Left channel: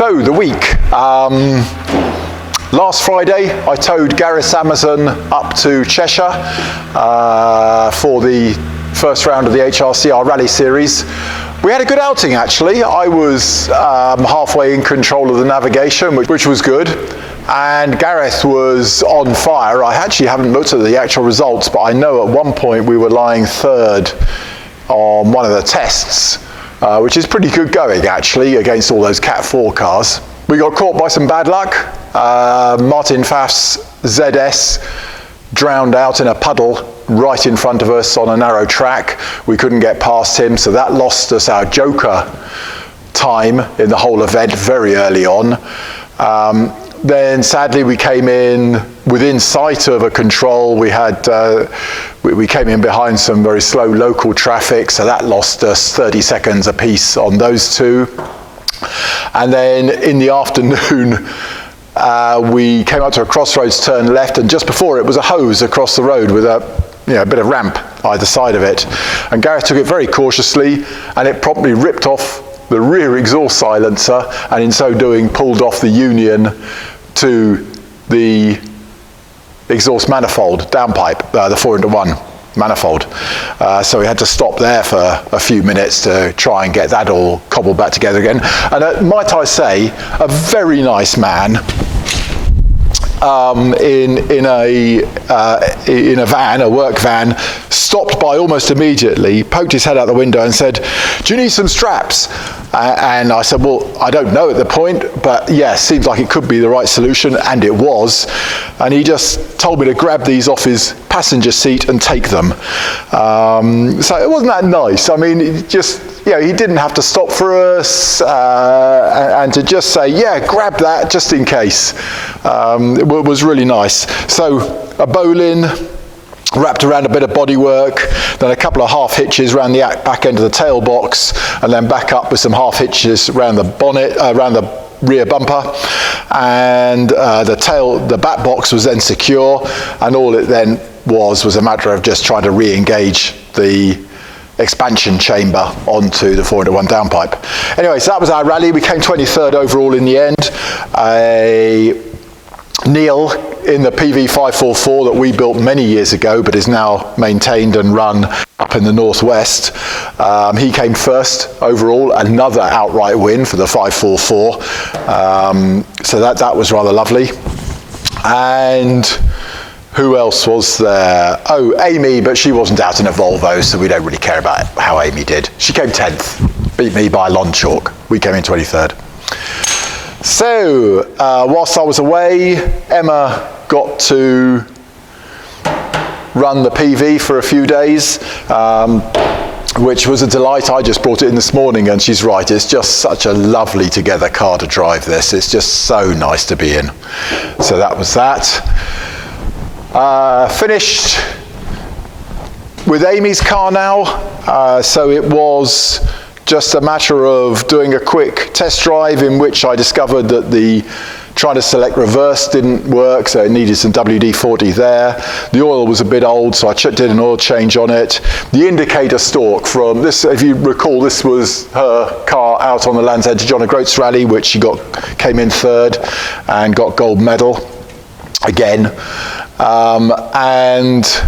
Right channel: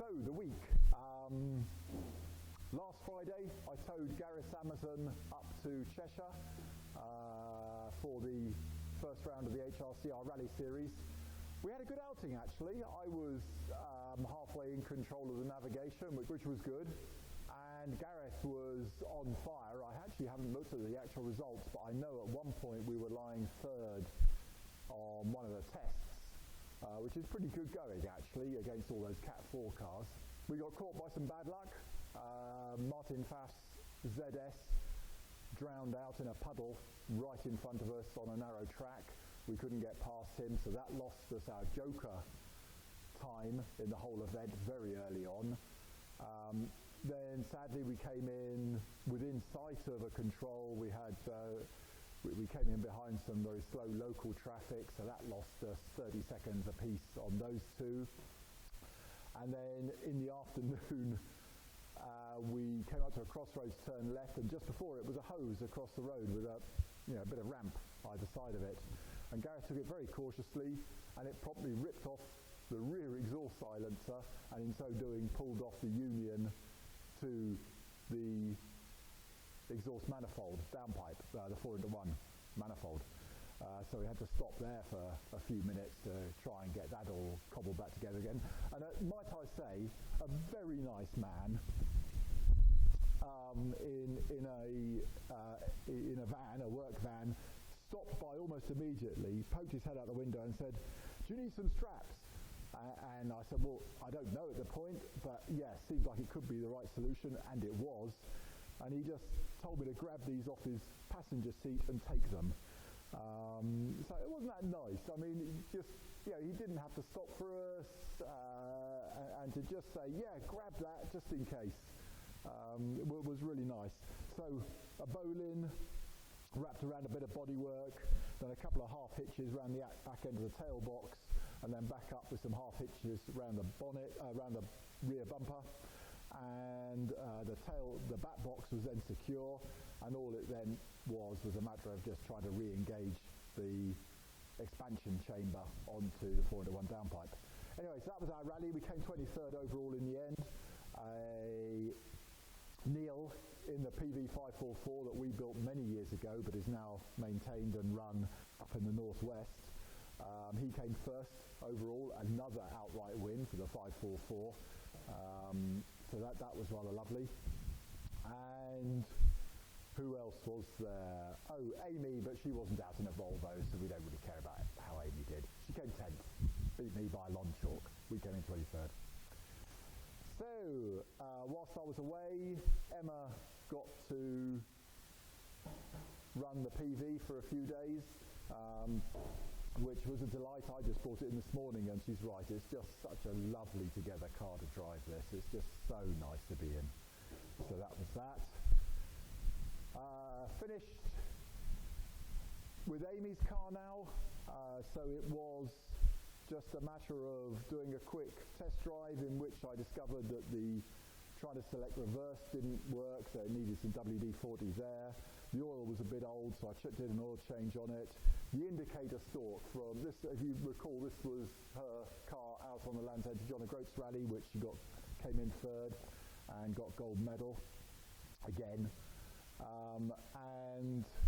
So the week. Last Friday, I towed Gareth's Amazon up to Cheshire for the first round of the HRCR Rally Series. We had a good outing, actually. I was halfway in control of the navigation, which was good. And Gareth was on fire. I actually haven't looked at the actual results, but I know at one point we were lying third on one of the tests, which is pretty good going, actually, against all those Cat 4 cars. We got caught by some bad luck. Martin Pfaff's ZS drowned out in a puddle right in front of us on a narrow track. We couldn't get past him, so that lost us our joker time in the whole event very early on. Then sadly we came in within sight of a control. We came in behind some very slow local traffic, so that lost us 30 seconds apiece on those two. And then in the afternoon, we came up to a crossroads, turned left, and just before it was a hose across the road with a bit of ramp either side of it. And Gareth took it very cautiously, and it promptly ripped off the rear exhaust silencer, and in so doing pulled off the union to the exhaust manifold downpipe, the 4-into-1 manifold. So we had to stop there for a few minutes to try and get that all cobbled back together again. And might I say, a very nice man in a van, a work van, stopped by almost immediately, poked his head out the window and said, "Do you need some straps?" And I said, "Well, I don't know at the point, but yeah, seems like it could be the right solution," and it was. And he just told me to grab these off his passenger seat and take them. So it wasn't that nice. I mean, he didn't have to stop for us and to just say, "Yeah, grab that just in case." It was really nice. So a bowline wrapped around a bit of bodywork, then a couple of half hitches around the back end of the tail box, and then back up with some half hitches around the bonnet, around the rear bumper, and the back box was then secure, and all it then was a matter of just trying to re-engage the expansion chamber onto the 4-into-1 downpipe. Anyway, so that was our rally. We came 23rd overall in the end. Neil in the PV 544 that we built many years ago but is now maintained and run up in the northwest. He came first overall, another outright win for the 544. So that was rather lovely. And who else was there? Oh, Amy, but she wasn't out in a Volvo, so we don't really care about how Amy did. She came 10th, beat me by a long chalk. We came in 23rd. So, whilst I was away, Emma got to run the PV for a few days, which was a delight. I just brought it in this morning, and she's right, it's just such a lovely together car to drive this. It's just so nice to be in. So that was that. Finished with Amy's car now, so it was just a matter of doing a quick test drive in which I discovered that trying to select reverse didn't work, so it needed some WD-40 there. The oil was a bit old, so I did an oil change on it. The indicator stalk from this, if you recall, this was her car out on the Land's End John O'Groats Rally, which she came in third and got gold medal again. And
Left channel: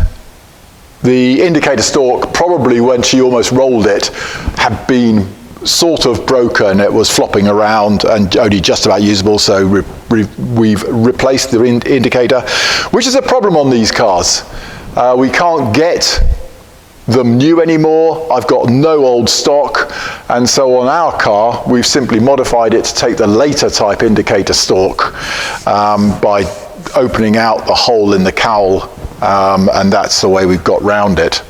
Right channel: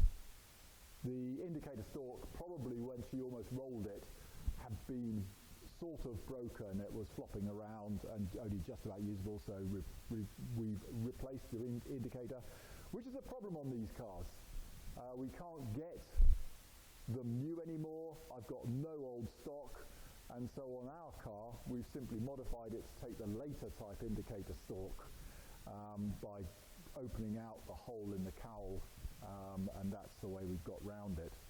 the indicator stalk, probably when she almost rolled it, had been sort of broken. It was flopping around and only just about usable, so we've replaced the indicator, which is a problem on these cars. We can't get them new anymore. I've got no old stock, and so on our car, we've simply modified it to take the later type indicator stalk by opening out the hole in the cowl. And that's the way we've got round it.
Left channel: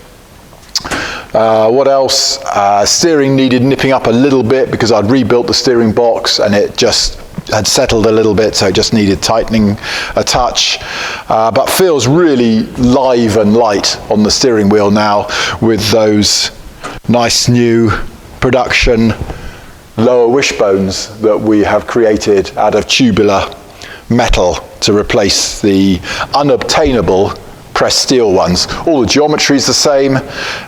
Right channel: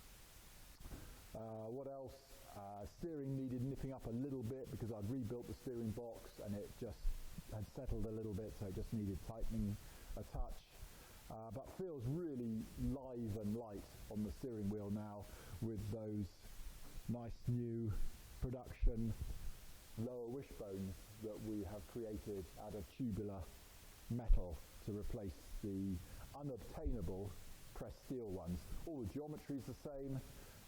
What else? Steering needed nipping up a little bit because I'd rebuilt the steering box and it just had settled a little bit, so it just needed tightening a touch. But feels really live and light on the steering wheel now with those nice new production lower wishbones that we have created out of tubular metal to replace the unobtainable pressed steel ones. All the geometry is the same.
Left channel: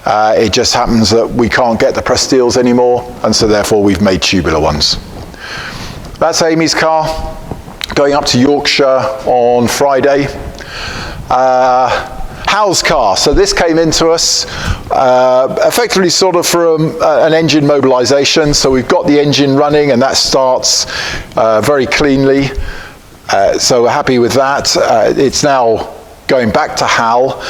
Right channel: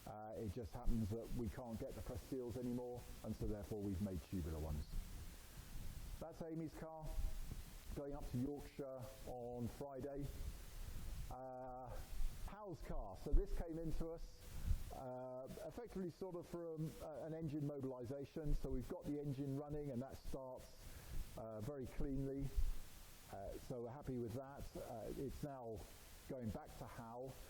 It just happens that we can't get the pressed steels anymore, and so therefore we've made tubular ones. That's Amy's car, going up to Yorkshire on Friday. Hal's car, so this came into us effectively sort of from an engine mobilisation. So we've got the engine running and that starts very cleanly. So we're happy with that. It's now going back to Hal.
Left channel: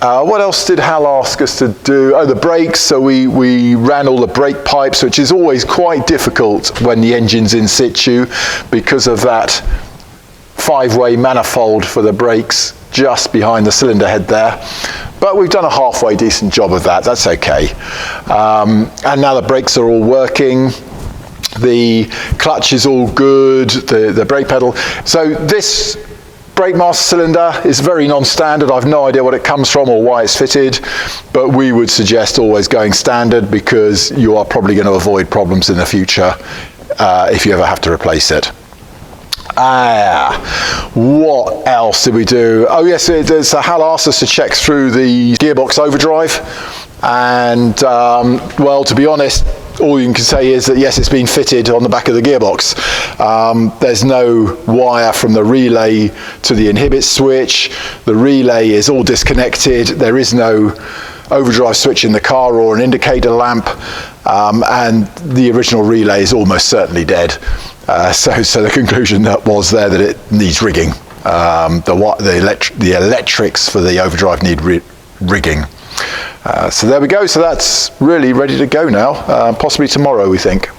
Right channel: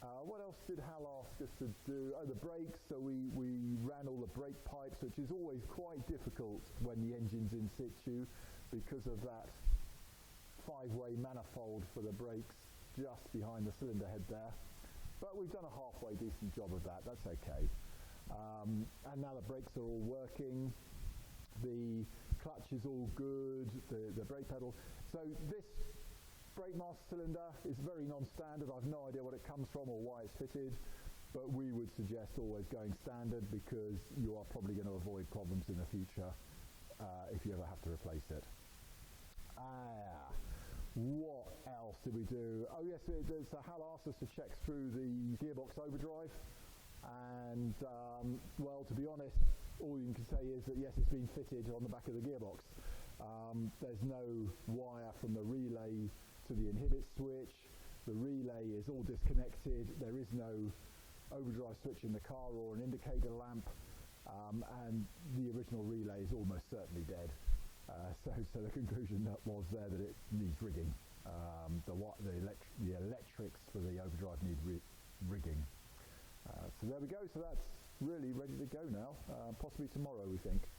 What else did Hal ask us to do? Oh, the brakes. So we ran all the brake pipes, which is always quite difficult when the engine's in situ because of that 5-way manifold for the brakes just behind the cylinder head there. But we've done a halfway decent job of that. That's okay. And now the brakes are all working. The clutch is all good, the brake pedal. So this brake master cylinder is very non-standard. I've no idea what it comes from or why it's fitted, but we would suggest always going standard because you are probably going to avoid problems in the future if you ever have to replace it. What else did we do? Oh yes, so Hal asked us to check through the gearbox overdrive, and well, to be honest, all you can say is that yes, it's been fitted on the back of the gearbox. There's no wire from the relay to the inhibit switch. The relay is all disconnected. There is no overdrive switch in the car or an indicator lamp, and the original relay is almost certainly dead. So the conclusion that was there that it needs rigging. The electrics for the overdrive need rigging. So there we go. So that's really ready to go now. Possibly tomorrow, we think.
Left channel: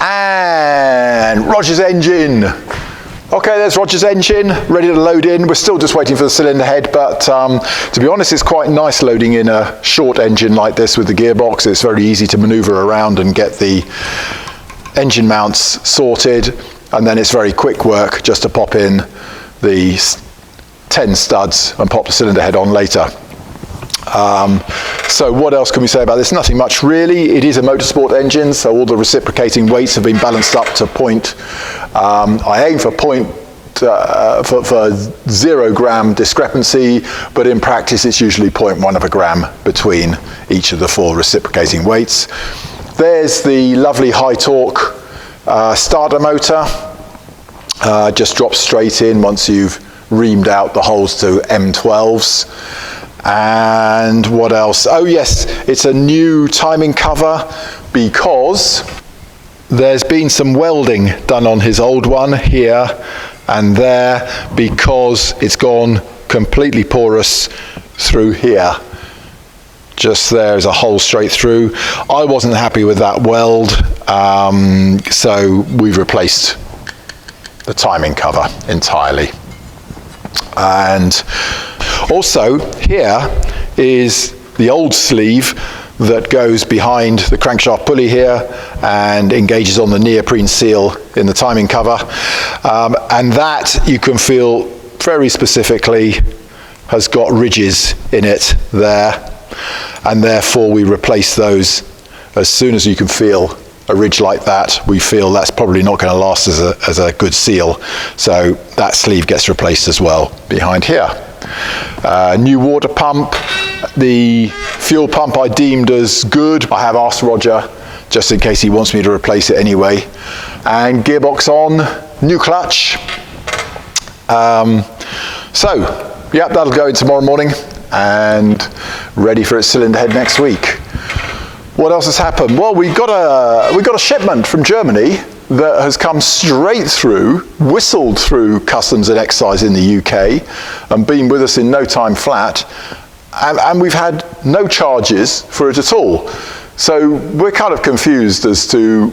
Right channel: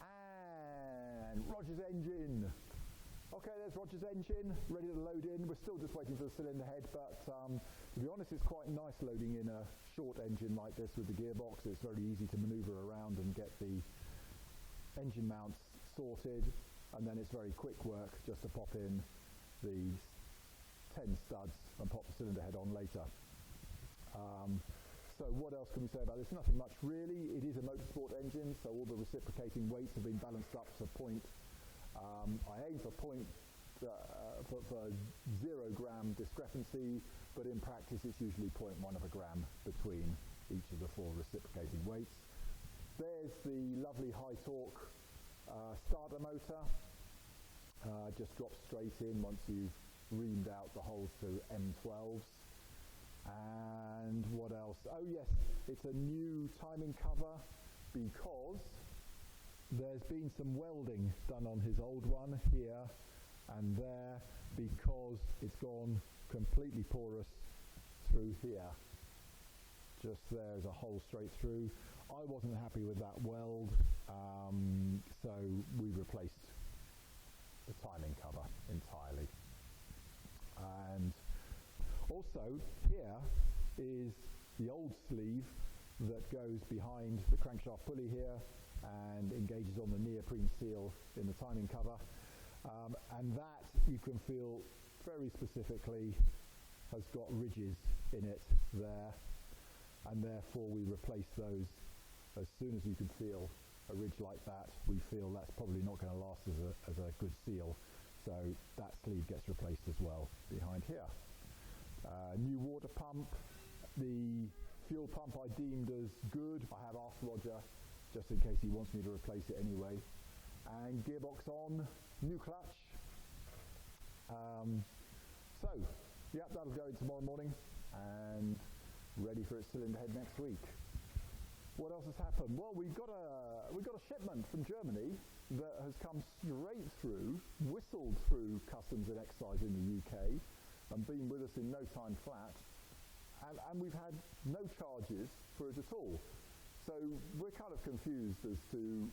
And Roger's engine. Okay, there's Roger's engine, ready to load in. We're still just waiting for the cylinder head, but to be honest, it's quite nice loading in a short engine like this with the gearbox. It's very easy to maneuver around and get the engine mounts sorted, and then it's very quick work just to pop in the 10 studs and pop the cylinder head on later. So what else can we say about this? Nothing much really. It is a motorsport engine, so all the reciprocating weights have been balanced up to point. I aim for point for 0 gram discrepancy, but in practice it's usually 0.1 of a gram between each of the 4 reciprocating weights. There's the lovely high torque starter motor. Just drops straight in once you've reamed out the holes to M12s. And what else? Oh yes, it's a new timing cover because there's been some welding done on his old one here and there because it's gone completely porous through here. Just there's a hole straight through. I wasn't happy with that weld, so we've replaced the timing cover entirely. And also here is the old sleeve that goes behind the crankshaft pulley here and engages on the neoprene seal in the timing cover. And that you can feel very specifically has got ridges in it there. And therefore we replace those as soon as you can feel a ridge like that. We feel that's probably not going to last as a good seal. So that sleeve gets replaced as well behind here. New water pump. The fuel pump I deemed as good. I have asked Roger just in case he wants me to replace it anyway. And gearbox on, new clutch. So, yep, that'll go in tomorrow morning and ready for its cylinder head next week. What else has happened? Well, we got a shipment from Germany that has come straight through, whistled through customs and excise in the UK, and been with us in no time flat, and we've had no charges for it at all. So we're kind of confused as to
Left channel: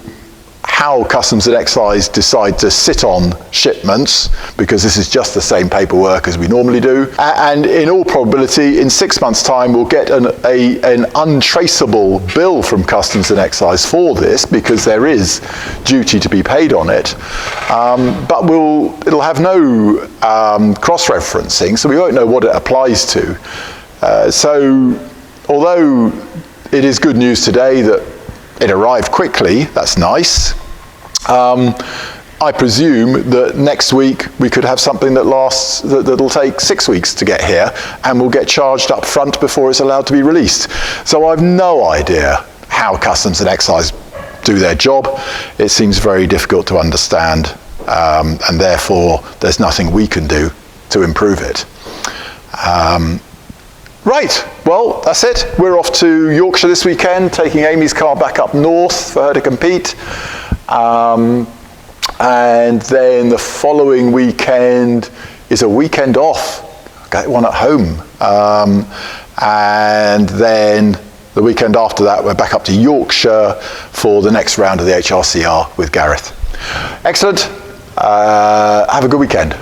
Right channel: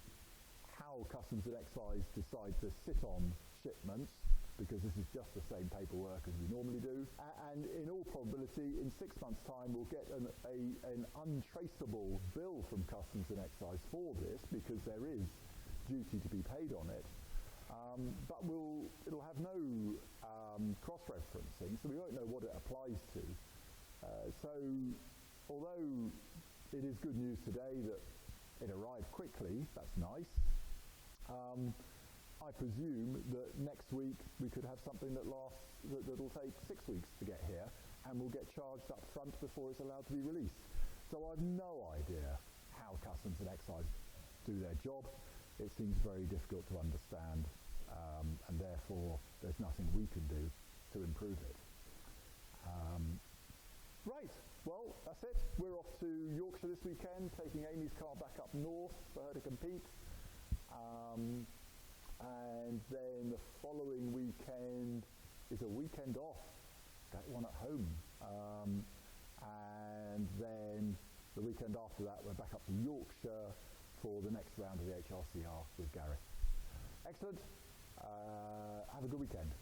how customs and excise decide to sit on shipments, because this is just the same paperwork as we normally do. And in all probability, in 6 months' time, we'll get an untraceable bill from customs and excise for this, because there is duty to be paid on it. But it'll have no cross-referencing, so we won't know what it applies to. So although it is good news today that it arrived quickly, that's nice. I presume that next week we could have something that'll take 6 weeks to get here, and will get charged up front before it's allowed to be released. So I've no idea how customs and excise do their job. It seems very difficult to understand, and therefore there's nothing we can do to improve it. Right, well, that's it. We're off to Yorkshire this weekend, taking Amy's car back up north for her to compete. And then the following weekend is a weekend off. Get one at home. And then the weekend after that, we're back up to Yorkshire for the next round of the HRCR with Gareth. Excellent. Have a good weekend.